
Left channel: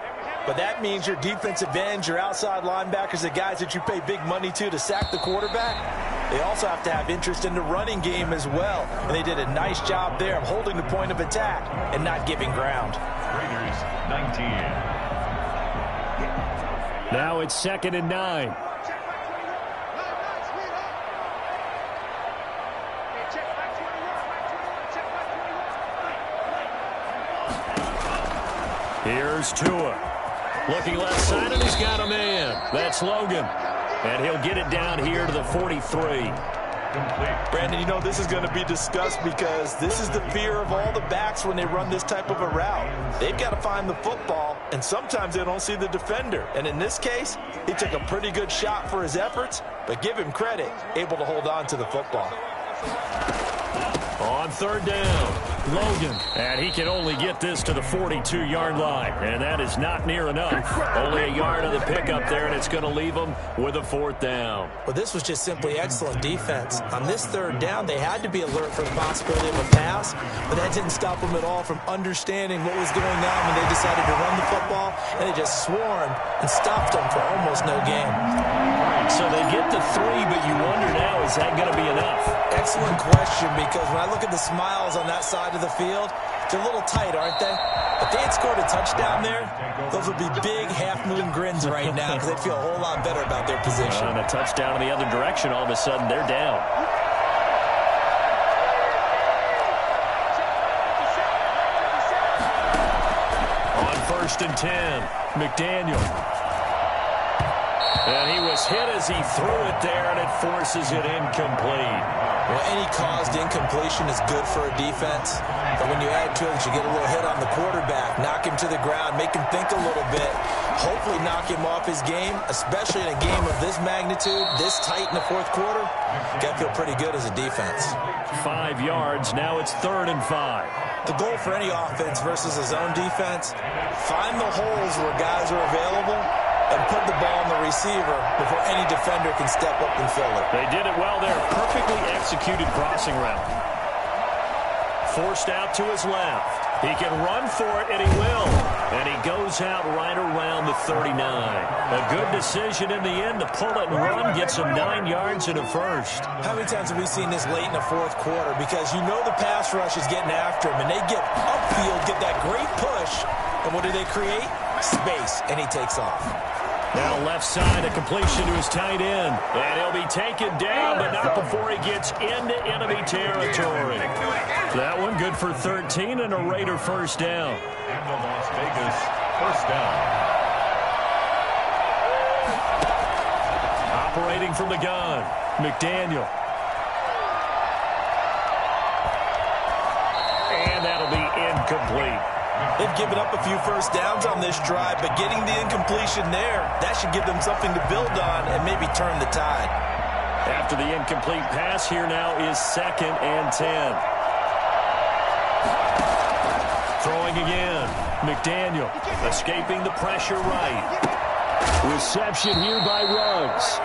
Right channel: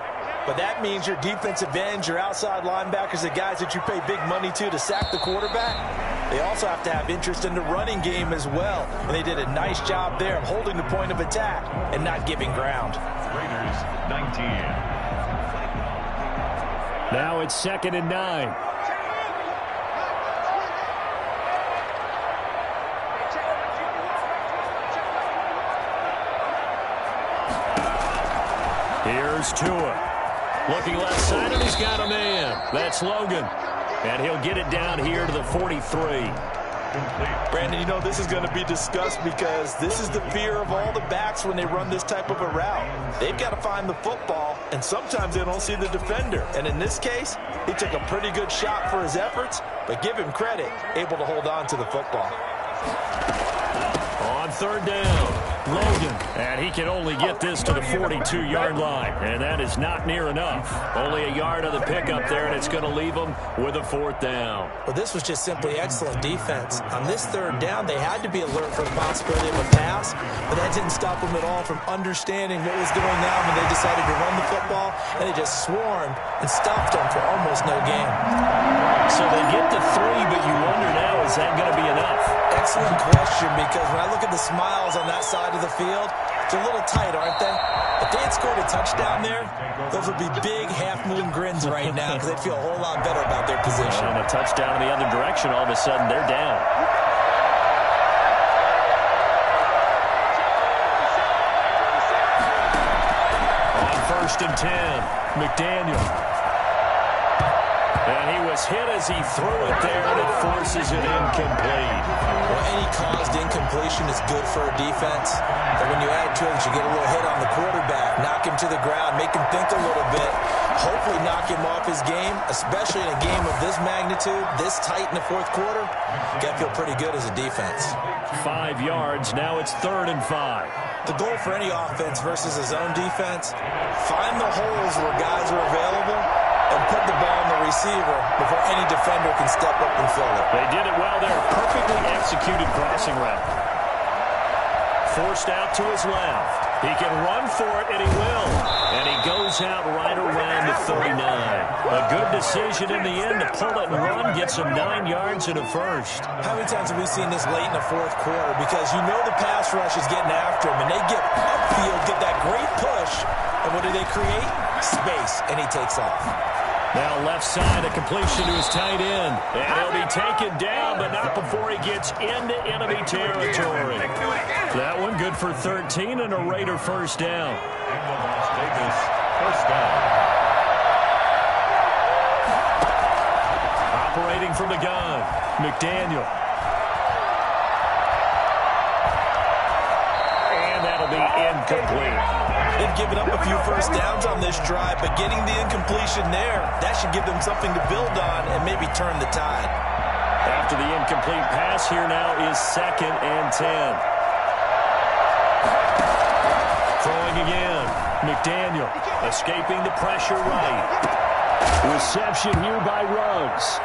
But that means your defensive ends, your outside linebackers, the guys that you pay big money to sack the quarterback, they also have to have interest in the running game as well. And they did a nice job there of holding the point of attack and not giving ground. Raiders 19. Now it's 2nd and 9. Here's Tua. Looking left side, and he's got a man. That's Logan. And he'll get it down here to the 43. Complete. Brandon, you know this is going to be discussed because this is the fear of all the backs when they run this type of a route. They've got to find the football, and sometimes they don't see the defender. And in this case, he took a pretty good shot for his efforts, but give him credit, able to hold on to the football. On 3rd down, Logan. And he can only get this to the 42-yard line. And that is not near enough. Only a yard on the pickup there, and it's going to leave him with a 4th down. Well, this was just simply excellent defense. On this 3rd down, they had to be alert for the possibility of a pass, but that didn't stop them at all from understanding what was going on when they decided to run the football, and they just swarmed and stopped them for almost no gain. So they get to 3, but you wonder now, is that going to be enough? Excellent question, because when I look at the smiles on that side of the field, they're a little tight, aren't they? If they had scored a touchdown there, those would be big half-moon grins right now because they'd feel a whole lot better about their position. And a touchdown in the other direction, all of a sudden they're down. On 1st and 10, McDaniel. And he was hit as he threw it there, and it forces it incomplete. Well, any caused incompletion is good for a defense. But when you add to it, you get a little hit on the quarterback, knock him to the ground, make him think a little bit, hopefully knock him off his game, especially in a game of this magnitude, this tight in the 4th quarter. You got to feel pretty good as a defense. 5 yards. Now it's 3rd and 5. The goal for any offense versus a zone defense, find the holes where guys are available and put the ball on the receiver before any defender can step up and fill it. They did it well there. Perfectly executed crossing route. Forced out to his left. He can run for it, and he will. And he goes out right around the 39. A good decision in the end to pull it and run, get some 9 yards and a first. How many times have we seen this late in the fourth quarter? Because you know the pass rush is getting after him, and they get upfield, get that great push, and what do they create? Space, and he takes off. Now left side, a completion to his tight end. And he'll be taken down, but not before he gets into enemy territory. That one good for 13 and a Raider first down. And the Las Vegas first down. Operating from the gun, McDaniel. And that'll be incomplete. They've given up a few first downs on this drive, but getting the incompletion there, that should give them something to build on and maybe turn the tide. After the incomplete pass, here now is 2nd and 10. Throwing again, McDaniel escaping the pressure right. Reception here by Ruggs.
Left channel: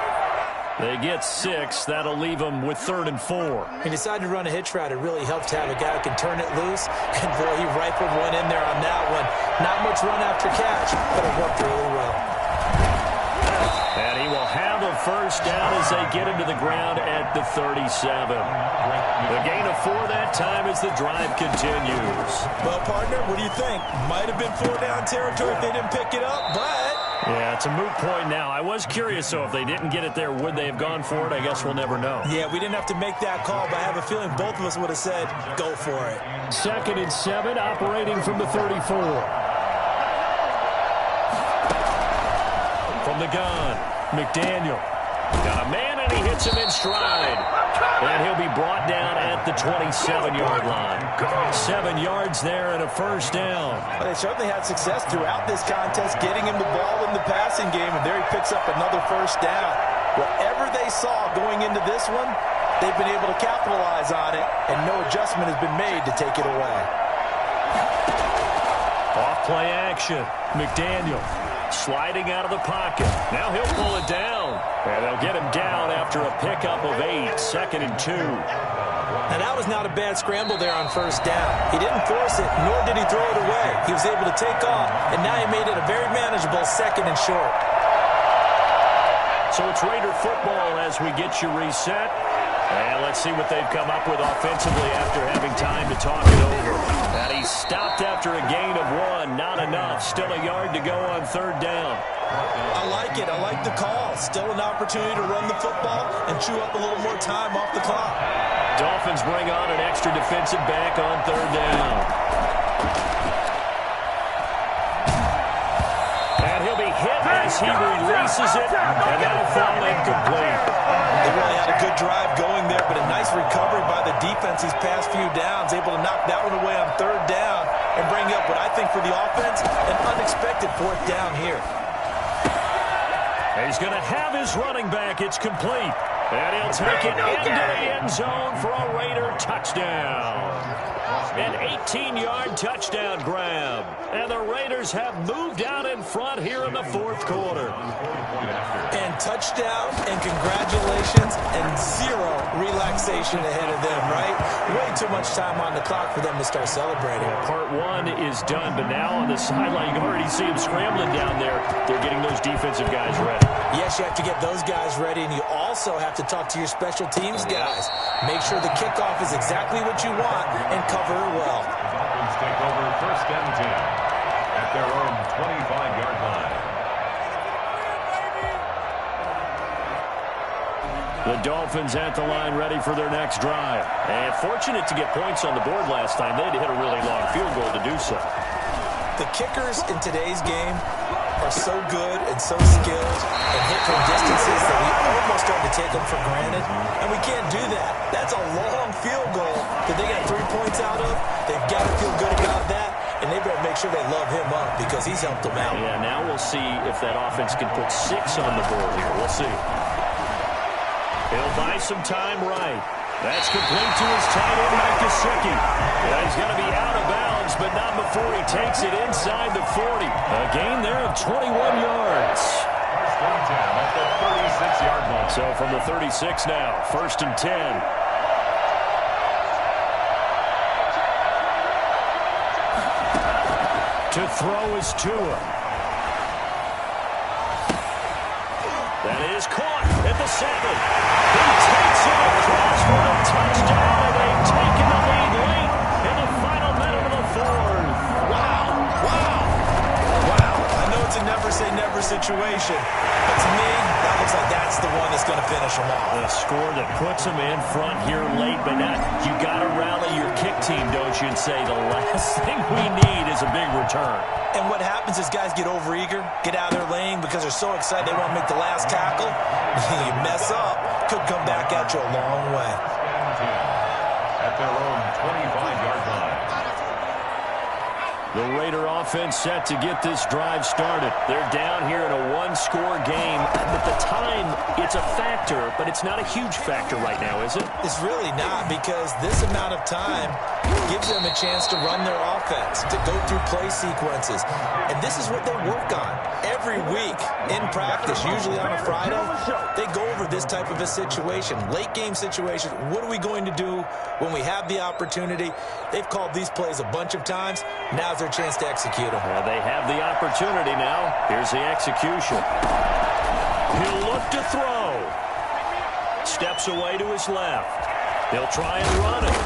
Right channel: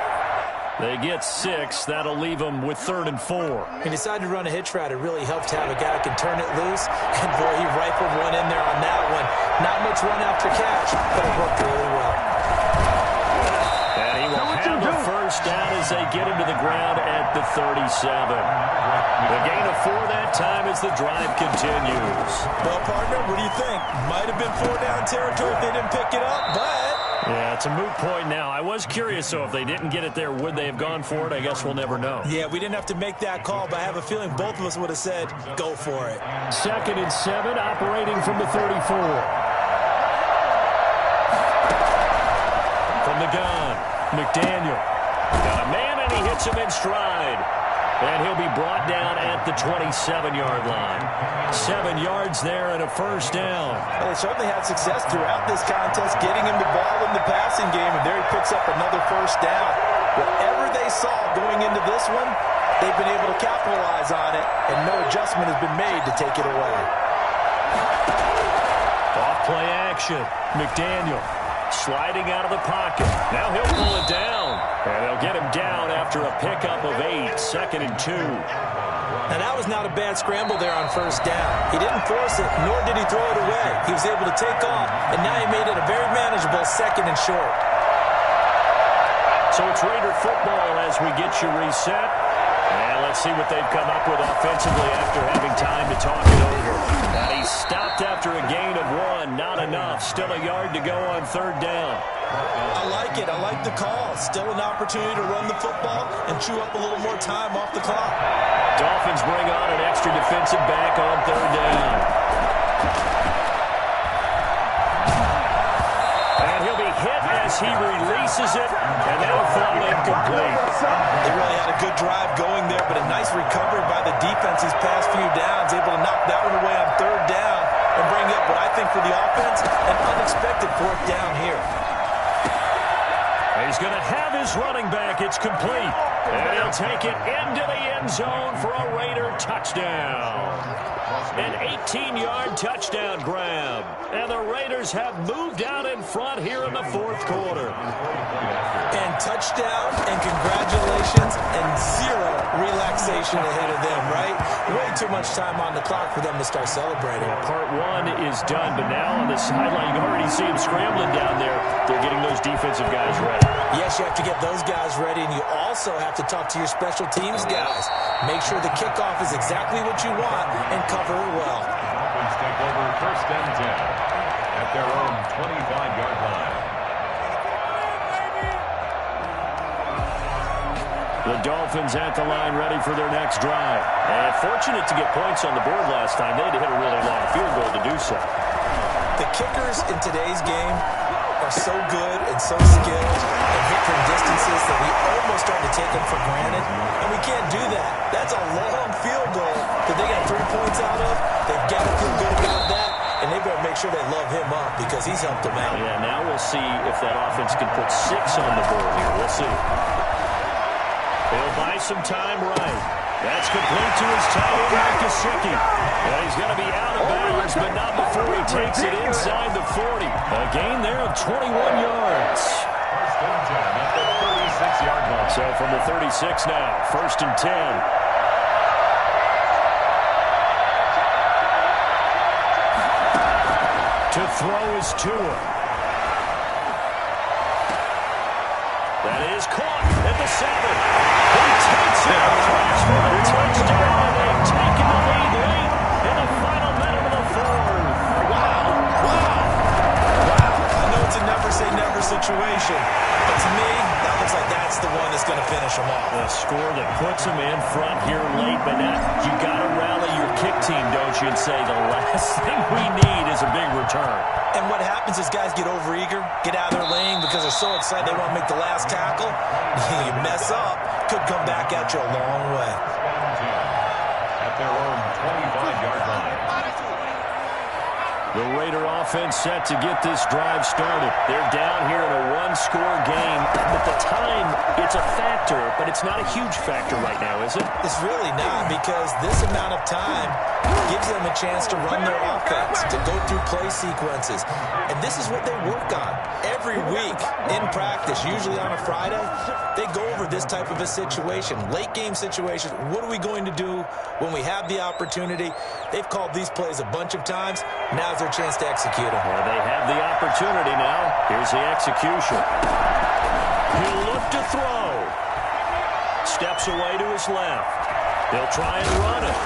They get 6. That'll leave them with 3rd and 4. He decided to run a hitch route. It really helped to have a guy who can turn it loose. And, boy, he rifled one in there on that one. Not much run after catch, but it worked really well. And he will have a first down as they get him to the ground at the 37. The gain of 4 that time as the drive continues. Well, partner, what do you think? Might have been 4-down territory if they didn't pick it up, but... Yeah, it's a moot point now. I was curious, so if they didn't get it there, would they have gone for it? I guess we'll never know. Yeah, we didn't have to make that call, but I have a feeling both of us would have said, go for it. 2nd and 7, operating from the 34. From the gun, McDaniel. Got a man, and he hits him in stride. And he'll be brought down at the 27-yard line. 7 yards there and a first down. Well, they certainly had success throughout this contest, getting him the ball in the passing game, and there he picks up another first down. Whatever they saw going into this one, they've been able to capitalize on it, and no adjustment has been made to take it away. Off play action. McDaniel sliding out of the pocket. Now he'll pull it down. And they'll get him down after a pickup of 8. 2nd and 2. Now, that was not a bad scramble there on first down. He didn't force it, nor did he throw it away. He was able to take off, and now he made it a very manageable 2nd and short. So it's Raider football as we get you reset. And let's see what they've come up with offensively after having time to talk it over. And he stopped after a gain of 1. Not enough. Still a yard to go on 3rd down. I like it. I like the call. Still an opportunity to run the football and chew up a little more time off the clock. Dolphins bring on an extra defensive back on 3rd down. And he'll be hit as he releases it, and that'll fall incomplete. They really had a good drive going there, but a nice recovery by the defense these past few downs, able to knock that one away on 3rd down and bring up what I think for the offense, an unexpected 4th down here. He's going to have his running back. It's complete. And he'll take it into the end zone for a Raider touchdown. An 18-yard touchdown grab. And the Raiders have moved out in front here in the 4th quarter. And touchdown and congratulations and 0 relaxation ahead of them, right? Way too much time on the clock for them to start celebrating. Yeah, part 1 is done, but now on the sideline, you can already see them scrambling down there. They're getting those defensive guys ready. Yes, you have to get those guys ready, and you also have to talk to your special teams guys. Make sure the kickoff is exactly what you want and cover it well. The Dolphins take over 1st and 10 at their own 25-yard line. The Dolphins at the line ready for their next drive. And fortunate to get points on the board last time. They had to hit a really long field goal to do so. The kickers in today's game are so good and so skilled and hit from distances that we almost start to take them for granted, and we can't do that. That's a long field goal that they got 3 points out of. They've got to feel good about that, and they better make sure they love him up because he's helped them out. Yeah, now we'll see if that offense can put 6 on the board here. We'll see. He'll buy some time right. That's complete to his tight end, Mike Gesicki. And he's going to be out of bounds, but not before he takes it inside the 40. A gain there of 21 yards. 1st and 10 at the 36-yard line. So from the 36 now, 1st and 10. To throw is Tua. That is caught at the 7. He takes it across for a touchdown, and they've taken the lead late in the final minute of the 4th. Wow. I know it's a never-say-never situation, but to me, that looks like that's the one that's going to finish them off. A score that puts them in front here late, but now you got to rally your kick team, don't you, and say the last thing we need is a big return. And what happens is guys get overeager, get out of their lane because they're so excited they want to make the last tackle. You mess up, could come back at you a long way. At their own 25-yard line. The Raider offense set to get this drive started. They're down here in a one-score game. At the time, it's a factor, but it's not a huge factor right now, is it? It's really not, because this amount of time gives them a chance to run their offense, to go through play sequences. And this is what they work on every week in practice, usually on a Friday. They go over this type of a situation, late game situation. What are we going to do when we have the opportunity? They've called these plays a bunch of times. Now's their chance to execute them. Well, they have the opportunity now. Here's the execution. He'll look to throw. Steps away to his left. He'll try and run it.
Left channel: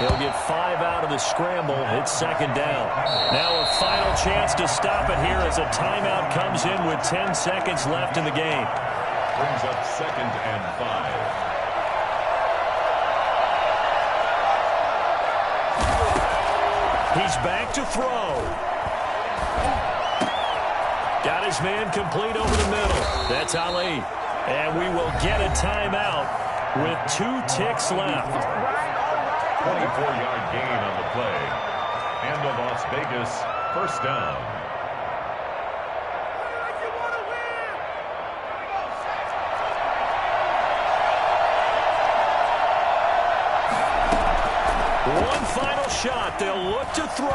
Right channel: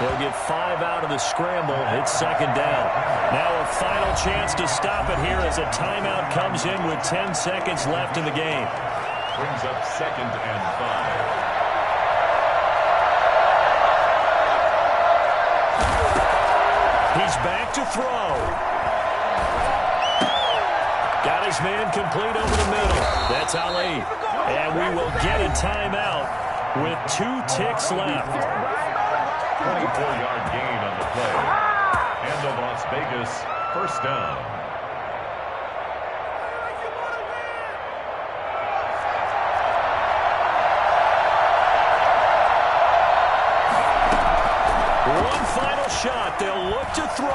He'll get 5 out of the scramble. It's second down. Now a final chance to stop it here as a timeout comes in with 10 seconds left in the game. Brings up 2nd and 5. He's back to throw. Got his man complete over the middle. That's Ali. And we will get a timeout with 2 ticks left. 24-yard gain on the play. And the Las Vegas first down. One final shot. They'll look to throw.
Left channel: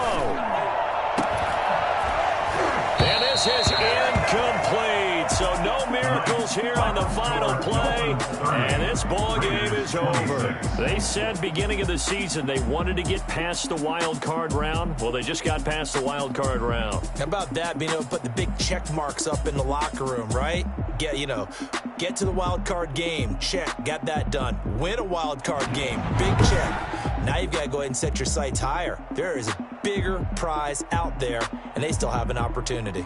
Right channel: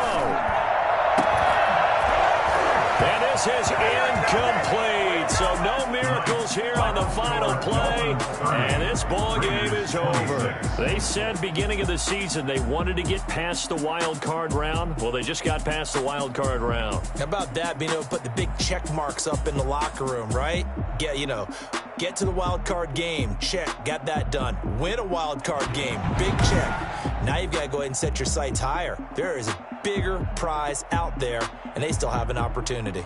And this is incomplete. So no miracles here on the final play. And this ball game is over. They said beginning of the season they wanted to get past the wild card round. Well, they just got past the wild card round. How about that, being able to put the big check marks up in the locker room, right? Get to the wild card game. Check. Got that done. Win a wild card game. Big check. Now you've got to go ahead and set your sights higher. There is a bigger prize out there, and they still have an opportunity.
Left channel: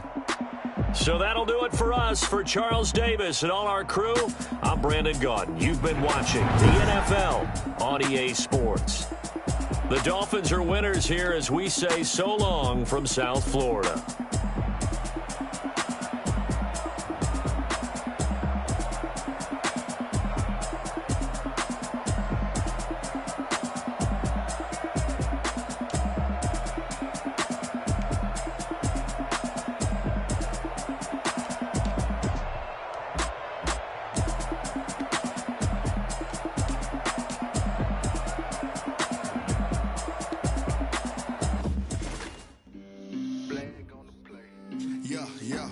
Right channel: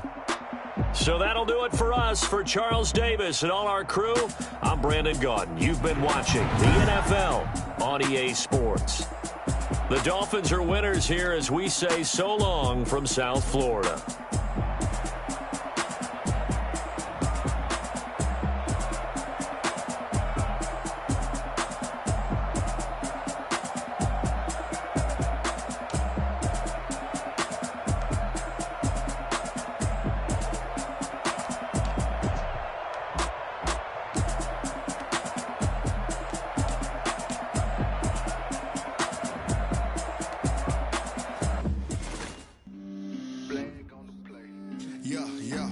So that'll do it for us. For Charles Davis and all our crew, I'm Brandon Gaudin. You've been watching the NFL on EA Sports. The Dolphins are winners here as we say so long from South Florida. Yeah.